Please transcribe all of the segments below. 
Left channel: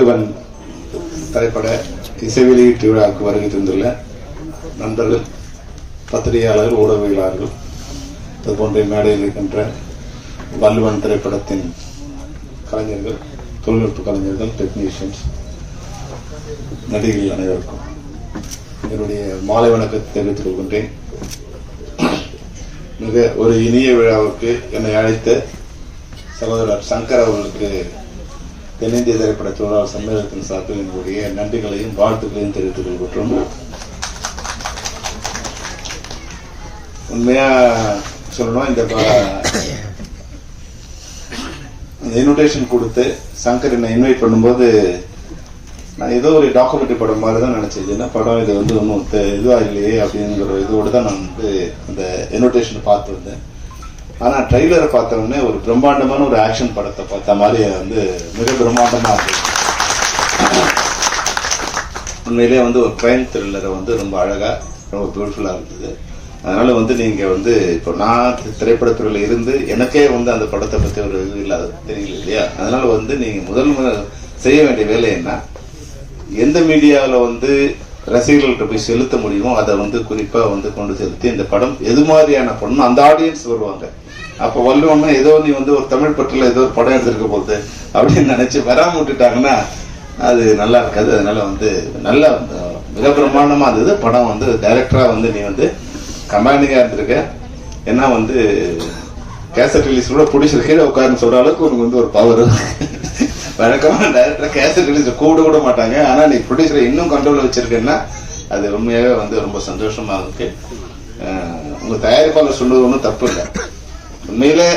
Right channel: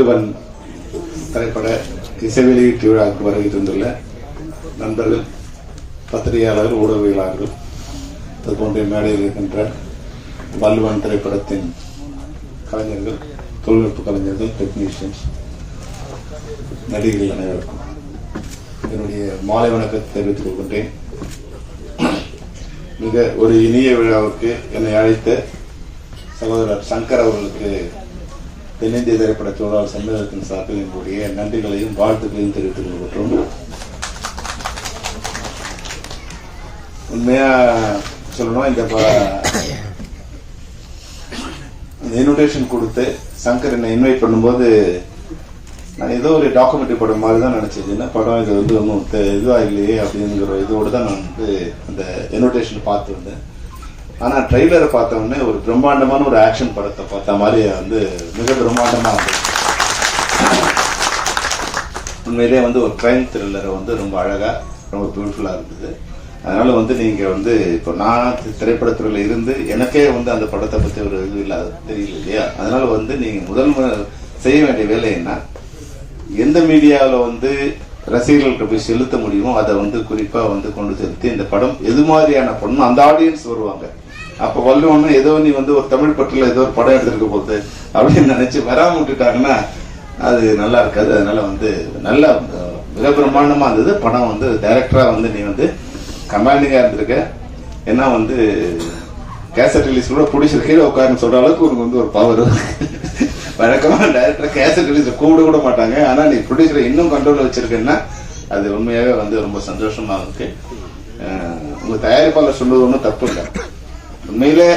வள்ளுவன் திரைப்பட இசை வெளியீட்டு விழாவுக்கு வருகை தந்துள்ள நண்பர்கள், பத்திரிகையாளர், ஊடகவியலாளர்கள், அது போன்ற மேடையில் இருக்கின்ற வள்ளுவன் திரைப்படத்தின் கலைஞர்கள், தொழில்நுட்ப கலைஞர்கள், டெக்னீஷியன்ஸ், நடிகர்கள் அனைவருக்கும் என்னுடைய மாலை வணக்கத்தை தெரிவித்துக் கொள்கின்றேன். மிக ஒரு இனிய விழாவுக்கு என்னை அழைத்த சகோதரர் சங்கர் அவர்களுக்கு தென்னிந்திய திரைப்பட தொழிலாளர் சம்மேளனத்தின் சார்பில் என்னுடைய நன்றிகளையும் வாழ்த்துக்களையும் தெரிவித்துக் கொள்கின்றோம். உண்மையா சொல்லணும், இந்த இன்விடேஷன் கொடுத்து சங்கர் என்னை இன்வைட் பண்ணும்போது நான் ஏதோ ஒரு டாக்குமெண்ட்ரி படம் மாதிரி தான் நினைச்சது. என்ன படம் இது வந்து ஒன்றும் இதுவா இல்லையே அப்படிங்கிற இதோடு தான் நான் வந்து இந்த இன்விடேஷன் பார்த்துருந்தேன். ஆனால் ட்ரெய்லரை பார்த்த உடனே ஒரு பிரம்மாண்டமான ஒரு ஆக்ஷன் படத்தை பார்த்த மாதிரி வந்து மிக பிரம்மாண்டமாக இருந்தது. உண்மையிலேயே வந்து ஒரு கிரைம் த்ரில்லரை வந்து ரொம்ப அழகாக, ரொம்ப பியூட்டிஃபுல்லாக இருந்தது. அதனால வந்து நீங்க வந்து இப்போ நான் திரைப்படத்துறையில இருந்து எனக்கே வந்து அந்த படத்தை பற்றி ஒரு இது இல்லாத தெரியல இல்லையா. அதனால வந்து நீங்க முதல் செய்ய வேண்டிய வேலை என்ன, எந்த மீடியாவில் வந்து ரசிகர்கள்ட்ட போய் செலுத்த முடியுமோ அதை வந்து குறிப்பா வந்து கொண்டு செலுத்தி இந்த படம் எது மாதிரியான படம் அந்த ஆடியன்ஸ் வருவாங்க. அப்போ வள்ளுவன்னா ஏதோ நீ வந்து ஒரு தமிழ் பட்டியல ஏதோ ஒரு படம் எடுத்திருக்க போகுது அப்படின்னு நினைச்சு வராம விட்டுட்டாங்கன்னா அது நல்லா இருக்காது. அதனால வந்து நல்ல மிக பிரமாண்டமா இருந்தது படம். வந்து டைரக்டரா வந்து நீ வந்து கமாண்டிங்கா இருந்திருக்க. ஏன்னா வந்து கேசட் ரிலீஸ் கூட பிடிச்சது கீழே உட்காருன்னு சொல்ற அளவுக்கு உனக்கு வந்து ஒரு பவர். வழக்கமா டைரக்டர் கேசட் ரிலீஸ் கூட மாட்டாங்க. ஆனா நீ ப்ரொடியூசரை இன்னும் கண்ட்ரோல் வச்சிருக்கேன்னா அது உண்மையாவே வந்து ரொம்ப சந்தோஷமா இருக்கு. உங்க தயாரிப்பாளர் சொல்லுவது ஒன்றும் தப்பு இல்லை. உண்மையிலே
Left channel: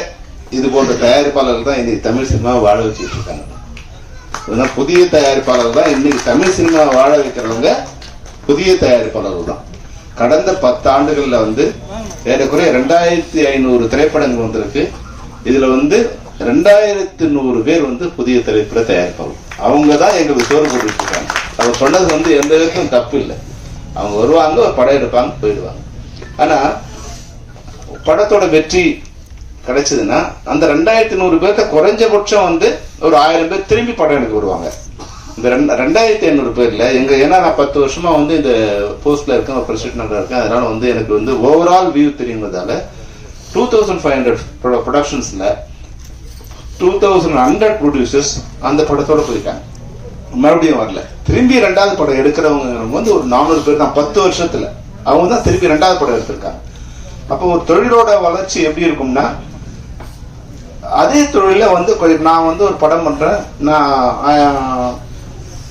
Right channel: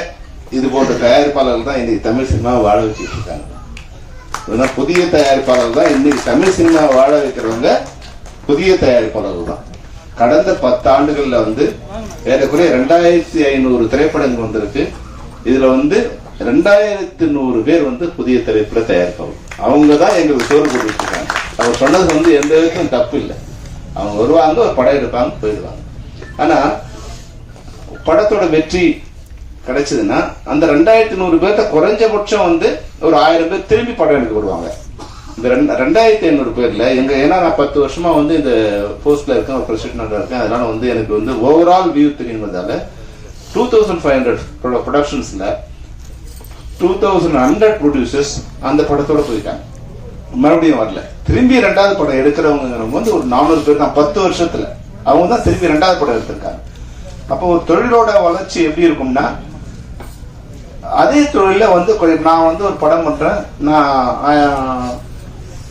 இது போன்ற தயாரிப்பாளர்கள் தான் இன்னைக்கு தமிழ் சினிமாவை வாழ வச்சுட்டு இருக்காங்க. இதுதான் புதிய தயாரிப்பாளர்கள் தான் இன்னைக்கு தமிழ் சினிமாவை வாழ வைக்கிறவங்க. புதிய தயாரிப்பாளர்கள் தான். கடந்த 10 ஆண்டுகள்ல வந்து ஏறக்குறைய 2500 திரைப்படங்கள் வந்திருக்கு. இதுல வந்து 2100 பேர் வந்து புதிய திரைப்பட தயாரிப்பாளர். அவங்க தான் எங்களுக்கு சோறு போட்டு இருக்காங்க. அவர் சொன்னது வந்து எந்த விதத்துக்கும் தப்பு இல்லை. அவங்க வருவாங்க, ஒரு படம் எடுப்பாங்க, போயிடுவாங்க. ஆனா படத்தோட வெற்றி கிடைச்சதுன்னா அந்த 2100 பேர்த்த குறைஞ்சபட்சம் வந்து ஒரு 1000 பேர் திரும்பி படம் எடுக்க வருவாங்க. இந்த 2500 பேர்ல எங்க, ஏன்னா நான் 10 வருஷமா வந்து இந்த போஸ்ட்ல இருக்கேன், ஒரு பிரசிடென்டா இருக்கேன். அதனால வந்து எனக்கு வந்து ஓவரால் வியூ தெரியுங்கிறதால 2500 ப்ரொடக்ஷன்ஸ்ல 2100 ப்ரொடியூசர்ஸ் அந்த படத்தோட போயிருக்காங்க. மறுபடியும் வரல. திரும்பி 2வது படம் எடுக்கிறவங்க வந்து ஒரு 400 பேர் தான் 10 வருஷத்துல. அவங்க தான் திரும்பி 2வது படம் எடுத்திருக்காங்க. அப்போ ஒரு தொழிலோட வளர்ச்சி எப்படி இருக்கும்னா, அதே தொழில வந்து நான் வந்து ஒரு படம் பண்றேன். நான்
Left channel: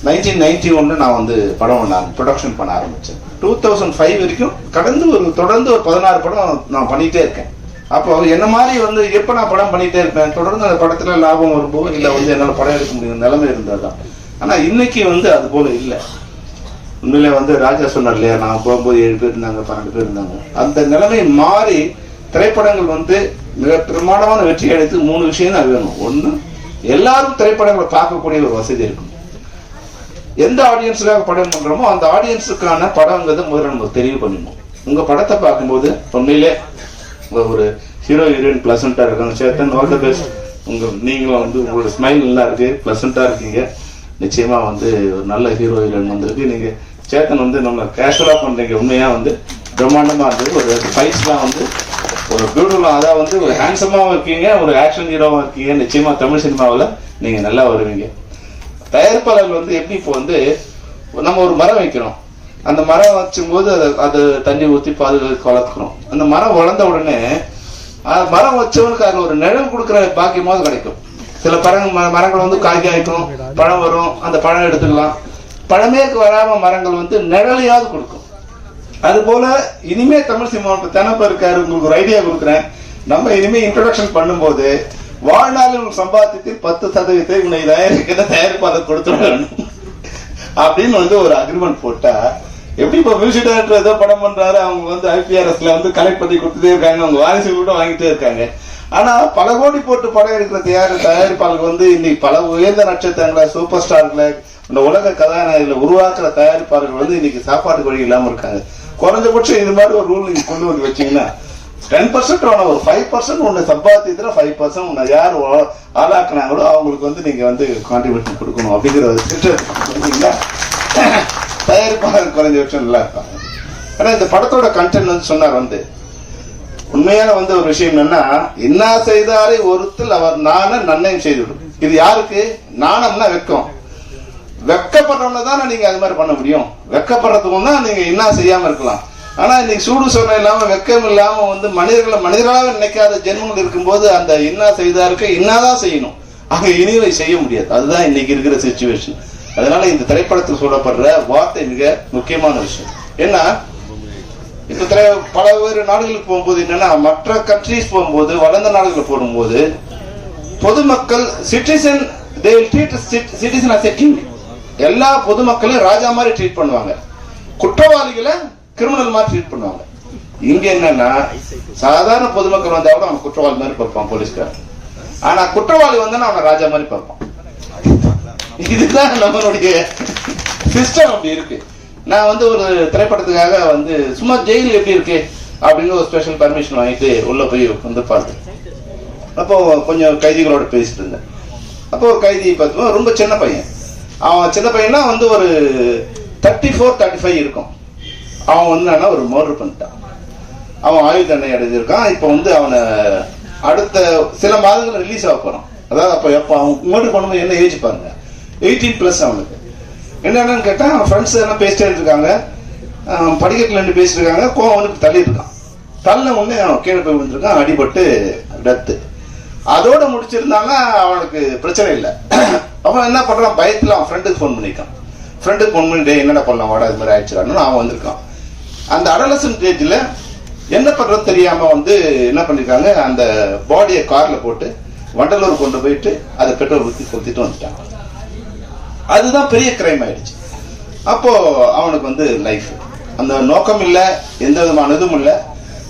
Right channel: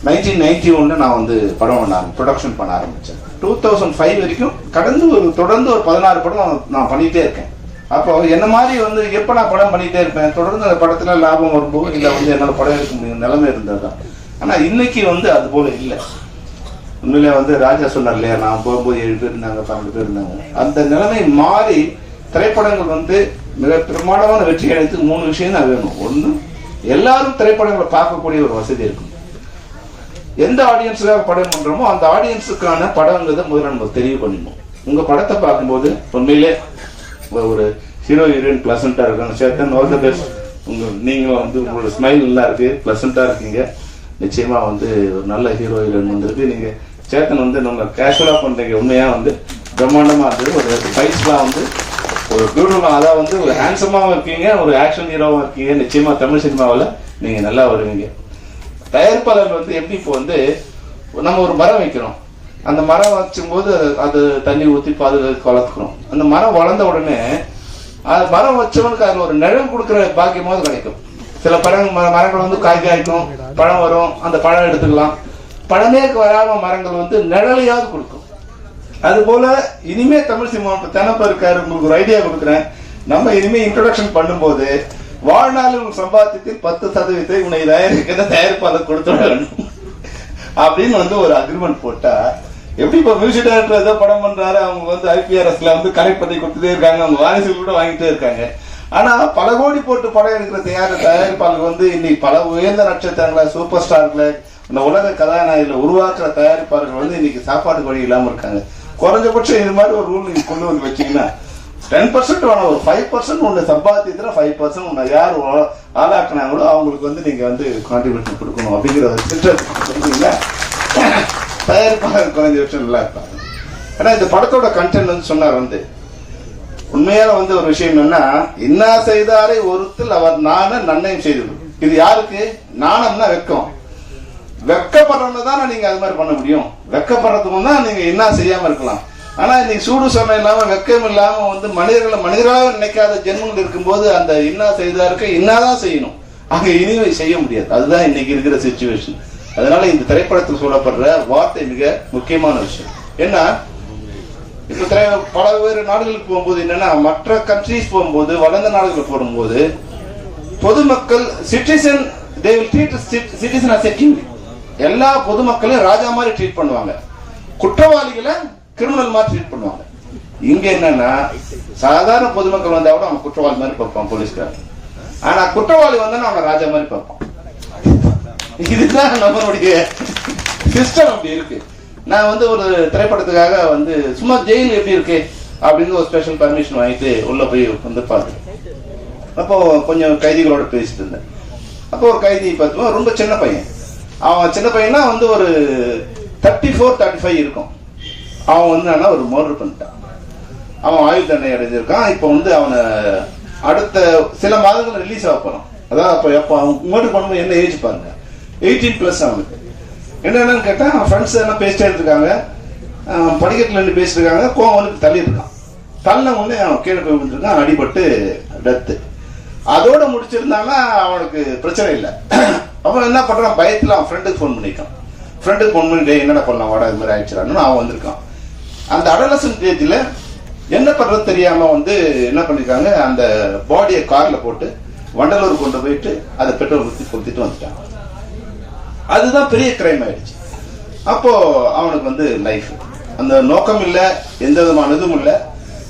1991 நான் வந்து படம் ப்ரொடக்ஷன் பண்ண ஆரம்பிச்சேன். 2005 வரைக்கும் தொடர்ந்து ஒரு 16 படம் நான் பண்ணிட்டே இருக்கேன். அப்போ என்ன மாதிரி வந்து எப்ப நான் படம் பண்ணிட்டே இருப்பேன், தொடர்ந்து அந்த படத்துல லாபம் வரும்போது இல்ல வந்து என்னால படம் எடுக்க முடியும் நிலைமை இருந்ததுதான். ஆனா இன்னைக்கு வந்து அது போல இல்லை. உண்மையிலே வந்து ராஜா சொன்னார் இல்லையா, நான் போகும்போது 7 பேர் இருந்தாங்க, 12 பேர் இருந்தாங்க. அந்த நிலைமை மாறி திரைப்படங்கள் வந்து மிக பிரமாண்டமான வெற்றி அடைத்து 3 விஷயம் தான் வேணும். ஒண்ணு, எல்லாரும் திரைப்படங்களை பார்க்கக்கூடிய ஒரு வசதி இருக்கும். எந்த ஆடியன்ஸ்ல படம் பண்றோமோ அந்த ஆடியன்ஸுக்கான படங்கிறது முதல்ல நம்ம தெரிவு பண்ணிடுவோம். உங்க படத்தை பார்க்கும்போது உண்மையிலே ஒரு ஹீரோ ஹீரோயின் பிளசண்டா இருக்காங்க. Chetan, all the best. நீங்களும் வந்து உங்களோட ஸ்மைல் நல்லா இருக்கு, பிளசண்டா இருக்கீங்க. நிச்சயமா வந்து ஒரு நல்ல ஹீரோ ஹீரோயின் வந்திருக்கு. நீங்க சேத்தன் வந்து நம்ம கேஷுவலா பண்றீங்க. உண்மையா வந்து பிரம்மாண்டமா இருந்தது. ஒரு ஃபைட்ஸ்லாம் வந்து ஒரு பியூட்டிஃபுல்லா, அதாவது வந்து ஒரு ஹேண்ட்ஸமாவும் இருக்கீங்க, ஒரு ஆக்ஷன் ஹீரோவும் இருக்கீங்க. நிச்சயமா தமிழ் சினிமாவில் நீங்க நல்லா வருவீங்க. தயாரிப்பாளர்கள் வந்து எப்படி இப்போ வந்து நம்ம ஒரு மரம் வைக்கணும். அந்த மரம் வச்சும் போது அது தண்ணி ஊற்றி பாதுகாத்து வளர்த்துக்கணும். அந்த மரம் வளர்ந்த உடனே மரம் வச்சவனுக்கு அதுல ஒரு நிழல் கொடுக்குற பாக்கியமாவது கிடைக்கும். சில மரங்கள் வந்து காய்கறி ஆயிக்கும், பழம் வரும், அந்த பழம் எடுத்துக்கலாம். பழமே வராம மரங்கள் வந்து நிழலையாவது கொடுக்கும். அது போல இனிமே தமிழ் சினிமா தெனப்ப இருக்காரு, உங்களுக்கு ஒரு ஐடியா கொடுக்குறேன். நம்ம இனிமே இன்ட்ரோடக்ஷன் பண்ணும்போது வாழ்நாளில் சம்பாத்தியத்தில் 10% உன்னை தயாரிப்பாளர் கொடுத்துடணும் அப்படின்னு வந்து ஒரு அக்ரிமெண்ட் போட்டா எப்படி. இப்ப மியூசிக் டைரக்டர் ஏதோ படம் பண்றாரு, அவங்க வந்து IPRSல வந்து கலெக்ட் பண்ணி கொடுத்துட்டே இருக்காங்க, அவங்க வாரிசுகள் கூட வாங்கிட்டே இருக்காங்க. ஆனா பல கோடி போட்டு படம் எடுக்கிற தயாரிப்பாளர்கள் வந்து இன்னைக்கு பல உயர்ந்த நட்சத்திரங்களை, சூப்பர் ஸ்டார்களை, இந்த உலக கதாநாயகிகளை உருவாக்குற தயாரிப்பாளர்கள் வந்து இன்னைக்கு சாப்பாட்டுக்கு வழி இல்லாம இருக்காங்க. குறைஞ்சபட்சம் இந்த மாதிரி ஒரு ரூல் நீங்க கொண்டு வந்து வச்சீங்கன்னா 10% வேணாம், ஒரு 5% ஒன்று சம்பாத்தியத்துல 5% உன்னை யார் ஆளாக்குனாங்களோ அவங்களுக்கு வந்து நீங்க வந்து கான்ட்ரிபியூஷன் கொடுக்கணும் அப்படிங்கிற ஒரு திட்டத்தில் தயாரிப்பாளர் குறைஞ்சபட்சம் நல்லா இருப்பாங்க. ஏன்னா இந்த படத்தோட கண்டென்ட் வந்து சொன்னார் வந்து உண்மையான வந்து ஒரு விஷயம் என்னன்னா, இன்னா செய்தாரை ஒருத்தல் அவர் நன்னயம் செய்துவிடும். இது யாருக்கு? நாணம்னா வெக்கம். வெக்கப்படுறவங்க தானே நீங்க அது மாதிரி பண்ண முடியும். வெக்கப்படுறதுக்கு தான் நீங்க என்ன செய்யாம இருக்கலாம். ஆனா இன்னைக்கு சூடு சொன்ன இல்லாம வெக்கம் இல்லாம வந்து மனிதர்களாக நினைக்காத ஜென்மங்கள் இருக்கும்போது அந்த இன்னா செய்தாருக்கு இன்னாதான் செய்யணும், அங்க இனிவை செய்ய முடியாது. அதுதான் இன்னைக்கு இருக்கிற சிச்சுவேஷன். அதனால இந்த திரைப்படத்தில் சொல்லப்படுற வார்த்தை மிக முக்கியமான விஷயம். ஏன்னா இப்ப பல வேறு நாடுகளுக்கு போகும்போது என்னன்னா, மற்ற கண்ட்ரிஸ் போகும்போது, வளர்ந்த நாடுகளுக்கு போகும்போது பொதுமக்கள் சிட்டிசன் எல்லா பொதுமக்களையும் ராஜா மாதிரி ட்ரீட் பண்ணுவாங்க, குற்றவாளிகளை கிரிமினல் மாதிரி ட்ரீட் பண்ணுவாங்க. இங்க என்னன்னா சாதாரண பொதுமக்கள் வந்தா கூட அவன் குற்றவாளி மாதிரி பார்ப்பான் போலீஸ்கார், ஆனா குற்றவாளி வந்தா அவன் ராஜா மாதிரி பார்ப்பான். இதுதான் நம்மளுடைய சிஸ்டம் அப்படி இருக்கு. நான் வந்து ஒரு திரைப்படத்துக்காக வந்து சும்மா ஜெயில் எப்படி இருக்கு அப்படின்னு ஒரு ஸ்பெஷல் பர்மிஷன் வாங்கிட்டு உள்ள போய் வந்து பார்த்தேன். அப்போ கொஞ்சம் கைதிகளோட பேசிட்டு இருந்தேன். அப்போ ஒரு கைதி பார்த்தோம், ரொம்ப சின்ன பையன். அவன் சின்ன பையனா வந்து ஒரு 34-35 இருக்கும். அவன் வந்து ஒரு மர்டர் பண்ணிட்டான். அவன் ஆயுள் தண்டனை அடைஞ்சிருக்கான். இப்போ வந்து அவனை அடுத்த சில மாதங்கள் ரிலீஸ் ஆக போறான். அதாவது அப்போ அவன் மர்டர் பண்ணும்போது என்ன ஏஜ் பாருங்க, 18+ அவனுக்கு. என்னன்னு கேட்டா அவன் ஃப்ரெண்ட்ஸ் எல்லாம் பேசிட்டே இருக்காங்க, படிக்கட்டுல இருந்து பேசிட்டு இருக்காங்க. கோவம் வந்து தள்ளி இருக்கான். தள்ள உடனே அவன் கீழே போய் வந்துருக்கான், அடிபட்டு டெத்து. அதோட முடிச்சிருந்தாங்க, அவனுக்கு பிரச்சனை இல்லை. அவன் என்ன பண்றான், பயத்துல அவன் ஃப்ரெண்டுக்கு ஃபோன் பண்ணிருக்கான். ஃப்ரெண்டுக்கு ஃபோன் பண்ணி என்னடா பண்ணலாம் வாடா, இது மாதிரி ஆயிடுச்சுறான்னு அவன் வந்திருக்கான். அந்த அடலசன்ட் ஏஜ்ல என்ன பண்றது தெரியாம வந்து என்ன பண்ணிருக்காங்க, அந்த பாடியை கார்ல போட்டு வண்டலூர் கொண்டு போயிட்டு அதை பெட்ரோல் ஊற்றி கொளுத்திட்டு வந்துட்டாங்க. அதுதான் பெரிய கிரைம் ஆயிடுச்சு. அப்போ அவனுக்கு வந்து லைஃப் அந்த நோக்கம் இல்லை, எந்த விதமான இதுவும் இல்லை.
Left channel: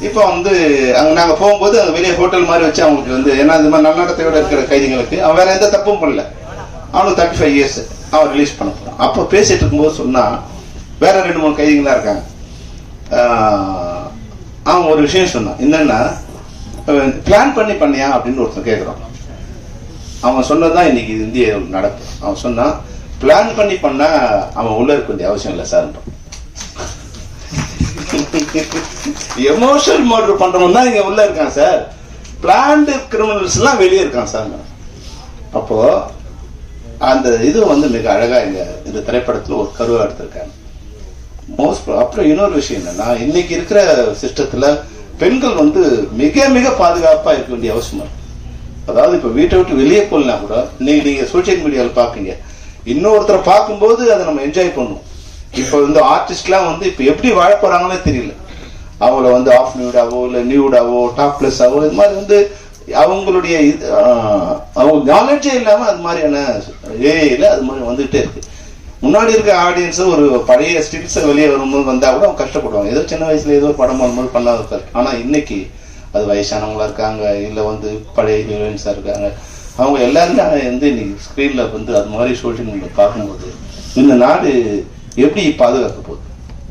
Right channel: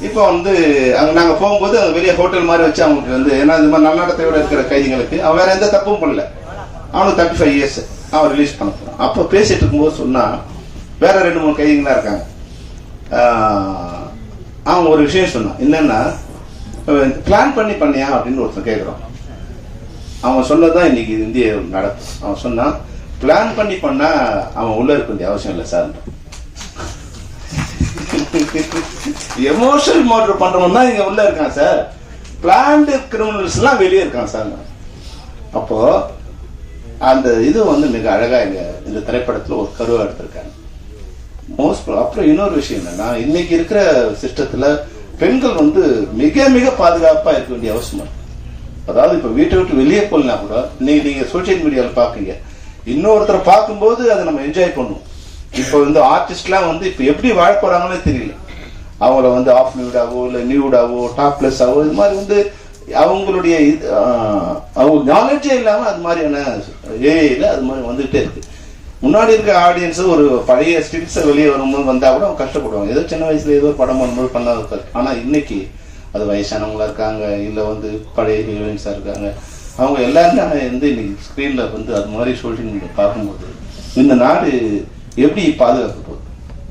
இப்போ வந்து அங்க நாங்க போகும்போது அங்க வெளியே ஹோட்டல் மாதிரி வச்சு அவங்களுக்கு வந்து, ஏன்னா இந்த மாதிரி நன்னடத்தையோட இருக்கிற கைதிகளுக்கு அவன் வேற எந்த தப்பும் பண்ணல, அவனுக்கு 35 இயர்ஸ் அவன் ரிலீஸ் பண்ண போறான். அப்போ பேசிட்டு இருக்கும்போது சொன்னா, வேற 2-3 கைதிகள் தான் இருக்காங்க. அவன் ஒரு விஷயம் சொன்னான், என்னன்னா பிளான் பண்ணியா அப்படின்னு ஒருத்தன் கேட்கிறான். அவன் சொன்னதான் இன்னைக்கு இந்திய நடப்பு. அவன் சொன்னான், பிளான் பண்ணா அவன் உள்ள இருக்க வேண்டிய அவசியம் இல்லை சார். எமோஷனல் மர்டர் பண்றவன் தான் இங்க உள்ள இருக்கான் சார், பிளான்டு கிரிமினல்ஸ் எல்லாம் வெளியே இருக்கான் சார். அப்போ அந்த இது வந்து மிக அழகா இந்த திரைப்படத்துல ஒரு கருவா எடுத்திருக்காங்க. அப்புறம் இன்னொரு விஷயம் என்னன்னா, இன்னைக்கு இருக்கிற சிஸ்டத்துல பெண்கள் வந்து மிக மிக பாதுகாப்பா இருக்க வேண்டிய அவசியம். அதாவது இப்ப வீட்டை விட்டு வெளியே போகலாம் கூட இன்னைக்கு நீங்க சோசியல் மீடியால பாக்குங்க, இன்னொருத்தரை பார்க்கும்போது அதை நம்ம என்ஜாய் பண்ணுவோம். இப்ப வந்து ஆர்டிஸ்ட்லாம் வந்து இப்ப எப்படி வாழ போறாங்கன்னே தெரியல. அவங்கள வந்து ஆஃப் நியூடாவோ இல்ல நியூடாவோ டாப்லெஸ் ஆவோ இது மாதிரி வந்து அவங்களுடைய அவங்க நாலேஜே இல்லாம அது மாதிரியான ஏஐல அது மாதிரி வந்துகிட்டே இருக்கு. முன்னாடி இருக்க ஆடியன்ஸ் ஒரு பழைய ஸ்டில்ஸ் வெளியே வரும்போது வந்தா கூட அவங்க கஷ்டப்படுவாங்க, ஏதோ சின்ன வயசுல ஏதோ படம் பண்ணும்போது பண்ணாத இருக்காரு. ஆனா இன்னைக்கு அது வயசானவங்களா இருக்காங்க, இல்ல வந்து பழைய ஹீரோயின்ஸா இருக்காங்க, அவங்க எல்லாருமே வந்து இன்னைக்கு ஸ்கிரீன்ல வந்து அது மாதிரி சோஷியல் மீடியா பார்க்கும்போது இந்த நாடு எப்படி பாதுகாக்க போகுது,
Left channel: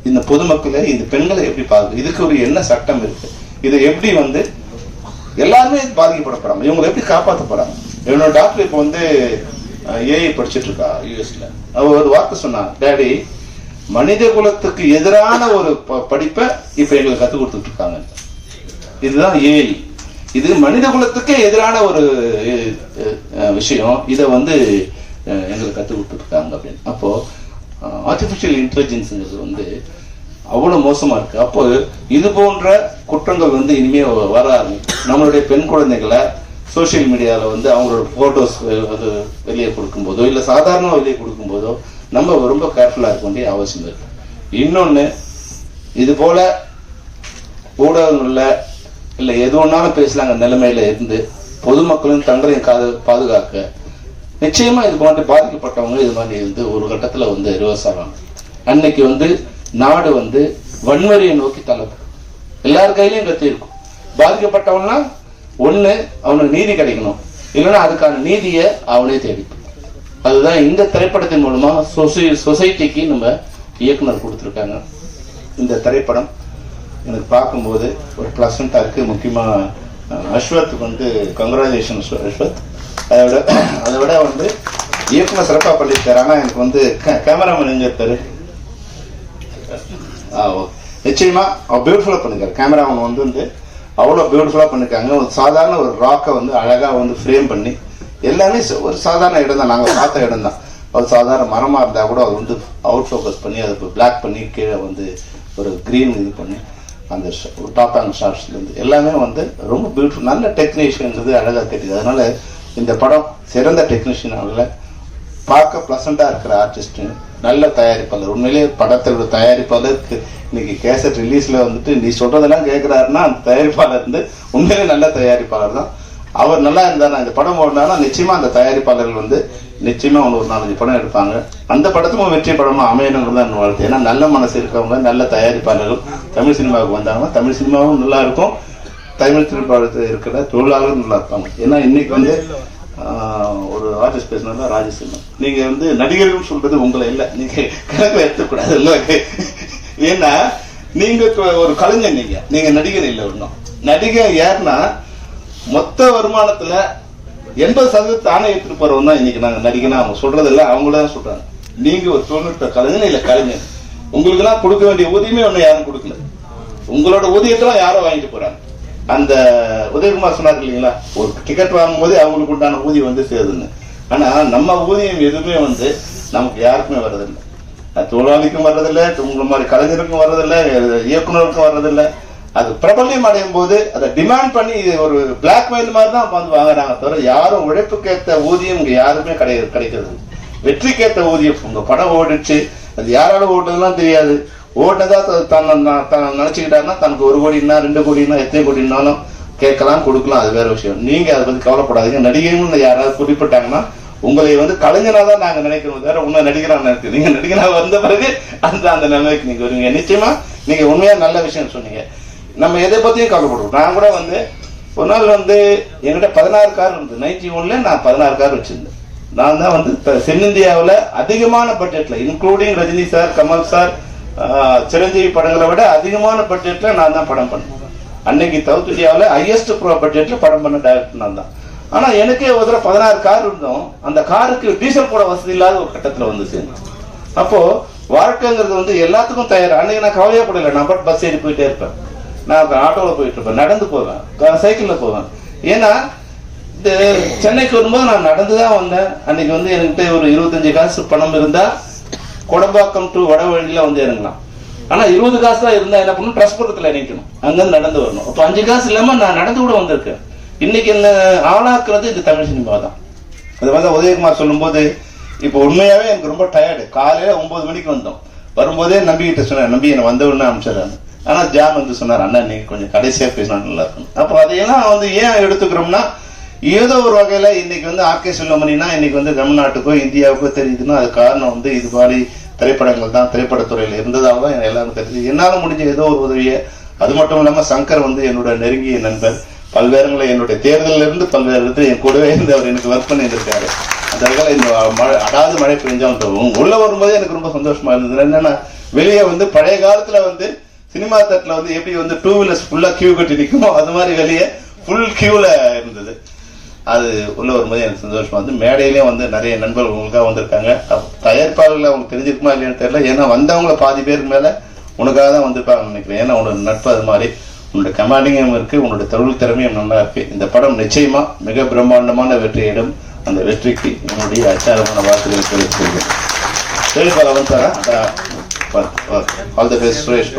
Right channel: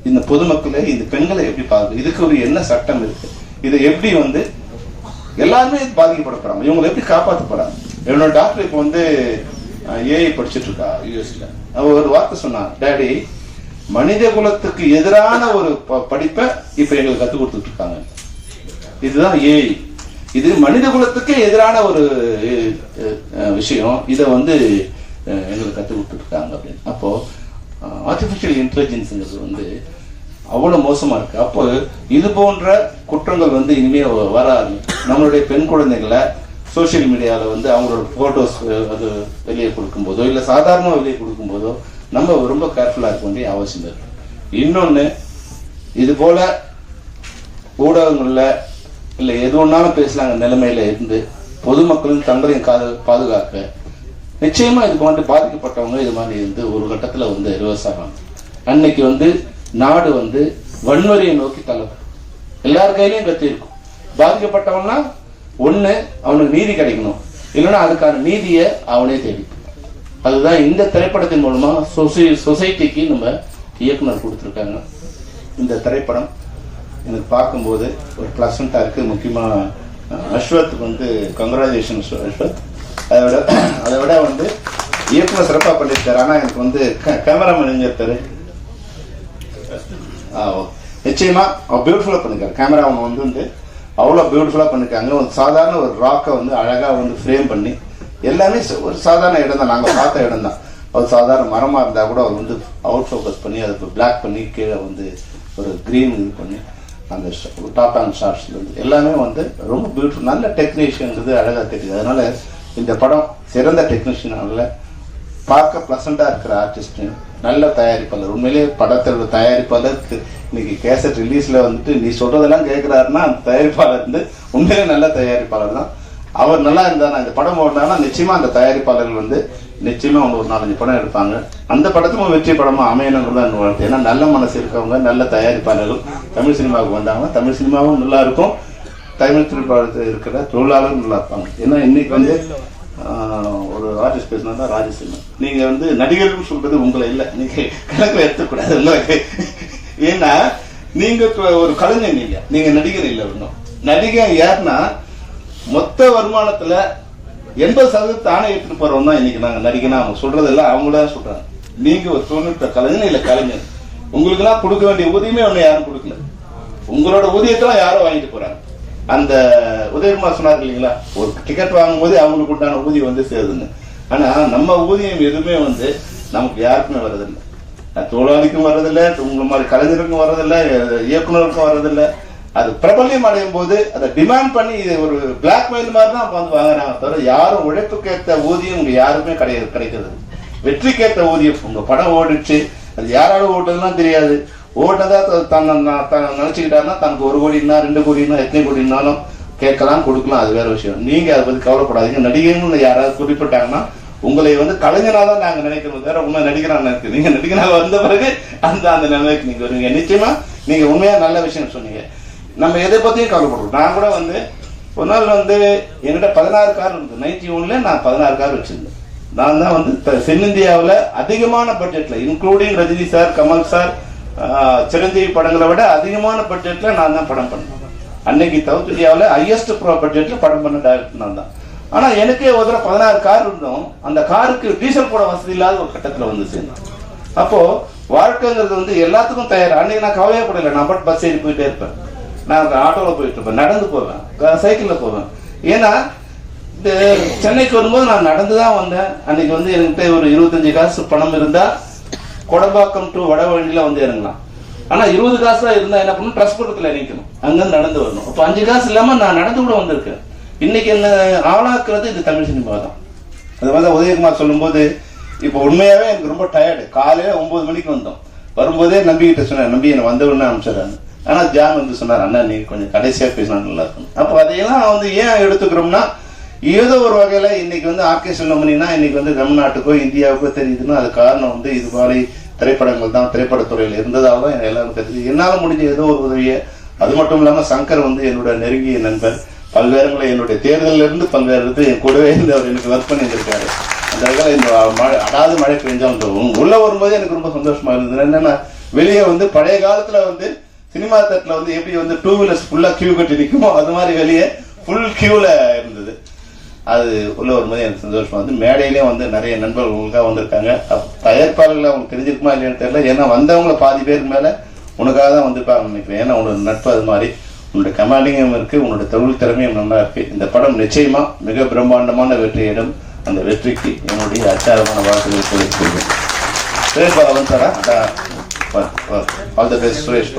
இந்த பொதுமக்களை இந்த பெண்களை எப்படி பாதுகாக்க, இதுக்கு ஒரு என்ன சட்டம் இருக்கு, இதை எப்படி வந்து எல்லாருமே பாதிக்கப்படப்படாம இவங்களை எப்படி காப்பாற்ற போறாங்க. என்னோட டாக்டர் இப்ப வந்து ஏஐ படிச்சுட்டு இருக்கா யூஎஸ்ல. அவர் ஒரு வார்த்தை சொன்னா, டேடி மனித குலத்துக்கு எதிரான ஒரு படிப்பை இப்ப எங்களுக்கு கத்துக் கொடுத்துட்டு இருக்காங்க. இதுதான் ஏஐ, இது மனித குலத்துக்கே எதிரான ஒரு விஷயம், இதை வந்து எங்களுக்கு கத்துக் கொடுத்துட்டு இருக்காங்க அப்படின்னு. அப்போ ஆர்டிபிஷியல் இன்டெலிஜென்ஸ் வந்து அவ்வளவு மோசமா இருக்கு. அப்போ இது போன்ற குற்றங்கள் வந்து இனிமே வராது. நம்மளுடைய பெண் குழந்தைகளை சோசியல் மீடியால வந்து அவங்களோட போட்டோஸ் வெளியே கொடுக்கும் போதோ இல்ல சாதாரண வெளியே கொடுக்கும் போதோ நம்ம ரொம்ப கேர்ஃபுல்லா இருக்க வேண்டிய அவசியம் இருக்கு. இன்னொன்னு, இது போல ஊடகங்கள்ல இல்ல எது ஒன்னாலும் பேசலாங்க நிலைமையில இருந்து பொதுமக்களும் தங்களையும் பாதுகாக்க நிச்சயமா இது போன்ற பாதிக்கப்பட்டவங்க இது மாதிரி இருந்து ஒரு கட்டத்துல வந்து ரிவர்ஸ் ஆகலாம். அன்னைக்கு வந்து நாடு வந்து வன்முறையை நோக்கி தள்ளப்படும். எல்லார் கையிலையும் கத்தி இருக்கும். பாதிக்கப்பட்டவன்னா ஒண்ணு அவனுக்கு நீதி கிடைக்கணும், இல்லைன்னா அதுக்கான நீதியை அவனே தேடி. அதுதான் இந்த திரைப்படத்தின் மூலமா சொசைட்டிக்கு நம்ம இயக்குனர் கொடுத்திருக்காங்க. இந்த திரைப்படம் எனக்கு பார்க்கும்போது ஒரு ப்ளசண்டா இருக்கு. முக்கியமா அஸ்வத்துக்கு வந்து கங்க்ராச்சுலேஷன் அஸ்வத். அதை விட வந்து இயக்குனர் சிறப்பாக பண்ணியிருக்காரு. ஆனால் எனக்கு வந்து கேமராமேன் எங்க இருக்காரு? நிச்சயமா பியூட்டிஃபுல்லா பண்ணிருக்காரு. கேமரா அவங்க வந்து அவ்வளோ பியூட்டிஃபுல்லா பண்ணிருக்காங்க. ஒரு சாதாரண ஒரு ராக்கை வந்து அழகா வந்து ஃப்ரேம் பண்ணி எல்லாமே ஒரு சாதாரண இடம் தான், நாங்கள் பார்த்த இடம் தான். ஒரு சாதாரண மரமா இருந்தா கூட அவர் வந்து அவுட் ஃபோக்கஸ் பண்ணி அதுக்கு பிளாக் பண்ணி கீழே வந்து ஒரு கிரீன் இது பண்ணி அந்த டாப் அண்ட் ஷார்ட்ஸ்ல இருந்து எல்லாமே வந்து ரொம்ப பியூட்டிஃபுல், நல்ல டெக்னீஷியன் அழகா தெரியுது. அதனால இந்த படம் சிறந்த டெக்னீஷியனால பார்க்க பிளசண்டா இருக்கிற ஆர்டிஸ்ட், நல்ல தயாரிப்பாளர். உண்மையிலேயே படத்தோட தயாரிப்பாளருக்கு இன்னைக்கு கேசட் ரிலீஸ்ல வந்துட்டு நீ சொல்றதெல்லாம் கேட்கிறாருன்னா அந்த தயாரிப்பாளர் வந்து உண்மையிலே நல்ல தயாரிப்பாளர் தான். அவர் நல்லா இருந்தா அந்த படம் ஓடினா நிச்சயமா அந்த தயாரிப்பாளர்கள் வந்து நிச்சயமா அவங்க ஒரு 4-5 படம் எடுப்பாங்க. அந்த படத்துக்கும் வெற்றி படமா அமையணுங்கிறது தான் வாழ்த்து. ஏன்னா நல்ல மனசு இருக்கவங்க, நல்ல தயாரிப்பாளர்கள் தமிழ் சினிமாவுக்கு வந்தாங்கன்னா தமிழ் சினிமாவும் நல்லா இருக்கும், தமிழ் சினிமாவில் இருக்கிற தொழிலாளரும் நல்லா இருப்பாங்க. ஏன்னா இன்னைக்கு வந்து ஒரு ஆர்டிஸ்ட் பேசினா ராஜேஷ், நீங்க வந்து நடிகர்கள் சொல்றது உங்களை இல்லை, நீங்க கணக்கில் எடுத்துக்கூடாது இல்லை. ஏன்னா நீங்க ஒரு கலைஞர், நீங்க நடிகர் இல்லை. ஒன்றும் நடிகர் யாருன்னா மொத்த வருமானத்துல 80% தானே எடுத்துட்டு போறவங்க தான் இன்னைக்கு நாங்க நடிகனா அவங்க சொல்றதெல்லாம் அவங்களதான் சொல்றாங்க. நீங்க ஒரு தொழில்நுட்ப கலைஞர் இல்ல கலைஞர், உங்களுக்கு எல்லாம் கொடுக்க வேண்டிய ஊதியமே ஒண்ணு யாரும் கொடுக்கல. உங்களோட ஊதியத்தெல்லாம் யாரும் வாங்கிட்டு போறாங்க. அந்த உதயகுமார் சொன்னார் இல்லைங்களா, ஒரு டிக்கெட் வாங்கும் போதே அவங்களுக்கு உண்டான ஊதியம் வந்து சேருதுங்க. ஆனா நம்ம ஊதியம் எதுவுமே வந்து நமக்கு யாருக்குமே வர்றதில்லை. தொழிலாளிக்கும் வர்றதில்லை, உங்களை மாதிரி கலைஞருக்கும் வர்றதில்லை, இயக்குநருக்கும் வர்றதில்லை. அது பிரபல்யம் அடையும் போது அதை டிமாண்ட் பண்ணி இது ஒரு பிளாக்மெயில் மாதிரி தான் வந்து வாங்குறாங்க தவிர யாரும் உழைப்புக்கேற்ற ஊதியம் இங்க யாருமே கிடைக்கிறது. வெற்றிக்கேற்ற ஊதியம். உங்க படம் ஓடிச்சு, அது யாராலும் ஓட்டுறதுலாம் தெரியாது. ஓட்டதா நினைச்சுக்கிட்டாருன்னா தனக்கு 1 கோடினா 2 கோடினா எத்தனை கோடினாலும் கேட்கலாம், கொடுக்கலாம், அது வேற விஷயம். நீங்க அதை பத்தி கவலைப்படாதீங்க. நடிகைன்னு யாராவது குறிப்பிட்டாங்கன்னா உங்களை வந்து கலைஞரா தான் நாங்க நினைக்கிறோம், வேற உண்மை நடிகரா நினைக்கிறோம். நீங்க நடிகரா வந்த பிறகு அந்த நிலைமைக்கு நீங்க வருவீங்க. நிச்சயமா நீங்க உண்மையா நல்ல விஷயம் சொன்னீங்க. நம்ம எதை பத்தியும் கவலைப்படுறோம். நான் கூட வந்து ஒரு நாள் வந்து என்கிட்ட 16 கார் இருந்தது. 91ல நான் 16 கார் வச்சிருந்தேன். நான் தான் வந்து தென்னிந்தியாவில் அதிகமான பட்ஜெட்ல, including Rajini sir, Kamal sir, Chiranjeevi படங்களை விட அதிகமான பட்ஜெட்ல நான் தான் படம் பண்ணேன். அன்னைக்கு சவுத் இந்தியாவில் ஹையஸ்ட் பட்ஜெட்ல படம் பண்ண டைரக்டர் நான் தான். ஆனா எனக்கே ஒரு தடவை 16 கார் இருந்தோம். அந்த காருக்கு டீசல் போட வசதி இல்லாத ஒரு கட்டத்துல வந்து சேர்ந்தேன். அப்போ வாழ்க்கைங்கிறது வந்து எல்லாத்துக்கும் தயார். அன்னைக்கு நான் கவலையே படல. நான் பட் பஸ் ஏறி போயிட்டே இருப்பேன், நான் ஆட்டோல போயிட்டு இருப்பேன், நடந்து போவேன், சைக்கிள்ல போவேன். ஏன்னா இந்த சென்னைக்கு வரும்போது நான் நடந்துதான் வந்தேன். அன்னைக்கு வந்து என்கிட்ட ஒரு 25 காசு பணம் இருந்தா கொடம்பாக்கம் டு வடவழியில வந்து இறங்கலாம். ஆனா 20 காசு தான் இருந்தா என்ன பண்ணணும், டிரான்ஸ்போர்ட்ல நினைக்கணும், அங்கிருந்து நடந்து வரணும். அப்ப 5 காசு இல்லாம நான் நடந்து கூட வந்திருக்கேன். இன்னைக்கு என்ன ஆளாக்குறது இந்த தமிழ் சினிமா தான். அது மாதிரி உதயகுமார் சொல்லும் போது இப்ப உண்மையாவே எனக்கு ரொம்ப டயர்டு. காலையில 9 மணிக்கு வந்தோம். வரும்போதே நம்பிக்கிட்ட சொன்னேன், நம்பி என்னை வந்த உடனே அனுப்பிச்சிடறாங்க. ஆனா ஜாம் வந்து சொன்னார், அண்ணா நீங்க கொஞ்சம் கடைசியா பேசினா நல்லா இருக்கும். அப்போ அதையெல்லாம் வந்து ஏன் எடுத்துக்கிறோம்னா, ஏதோ ஒரு வகையில இன்னைக்கு வந்து ஆர்கே செல்வமணினா இன்னைக்கு வந்து தமிழ்நாட்டுக்கோ இந்தியாவுக்கோ தெரியுதுன்னா அது காரணம் வந்து இது மாதிரி திரைப்படங்கள் தான், திரைப்படத்துறையில இருந்ததால தான் எல்லாரும் தெரியுது. என்னால முடிஞ்ச ஏதோ ஒரு உதவியை. அது மட்டும் இல்லாம சங்கர் வந்து என்னோட நெருங்கிய நண்பர், பல்வேறுங்களை என்னுடைய தேர்தலில் இருந்து பல்வேறு இடத்துல என் கூடவே இருந்து அவர் எனக்கு ஒர்க் பண்ணி இருந்திருக்காரு. அந்த வகையில் இந்த அடாது மழை பெஞ்சாலும் உள்ள வரும்போதே எனக்கு ரொம்ப சந்தோஷமா இருந்தது. என்னன்னா வெளியே வந்து பழைய காலத்துல வந்து சினிமா தட்டுல வந்து எப்படி வந்து 2 வீலர்ஸ் ஃபுல்லா கியூ கட்டி நிற்குமோ அது மாதிரி வெளியே ஃபுல் கியூல இருந்தது. அது உள்ள வரும்போது எனக்கு சந்தோஷமா வந்து மேடையிலேயே வந்து நிறைய நண்பர்கள் உங்களுக்காக வந்திருக்காங்க. தயாரிப்பாளர்கள் அவங்களுக்கு தெரிஞ்சிருக்குமா இல்லையான்னு தெரியல. ஏன்னா வந்தவங்களை பாதி பேருக்கு மேல உனக்காக தான் வந்திருப்பாங்க நினைக்கிறேன். ஏன்னா உன்னோட நட்பு அது மாதிரி, உன்னோட கமாண்டிங்கும் இருக்கு, உன்னோட தொழில் திறமையும் நல்லா இருக்கு. இந்த படம் நிச்சயமா மிக பிரம்மாண்டமான வெற்றியிடும். அந்த வெற்றிக்கு என்னுடைய அச்சாரமான வாக்குகளை தெரிவிக்கிறேன். All the best, Suresh.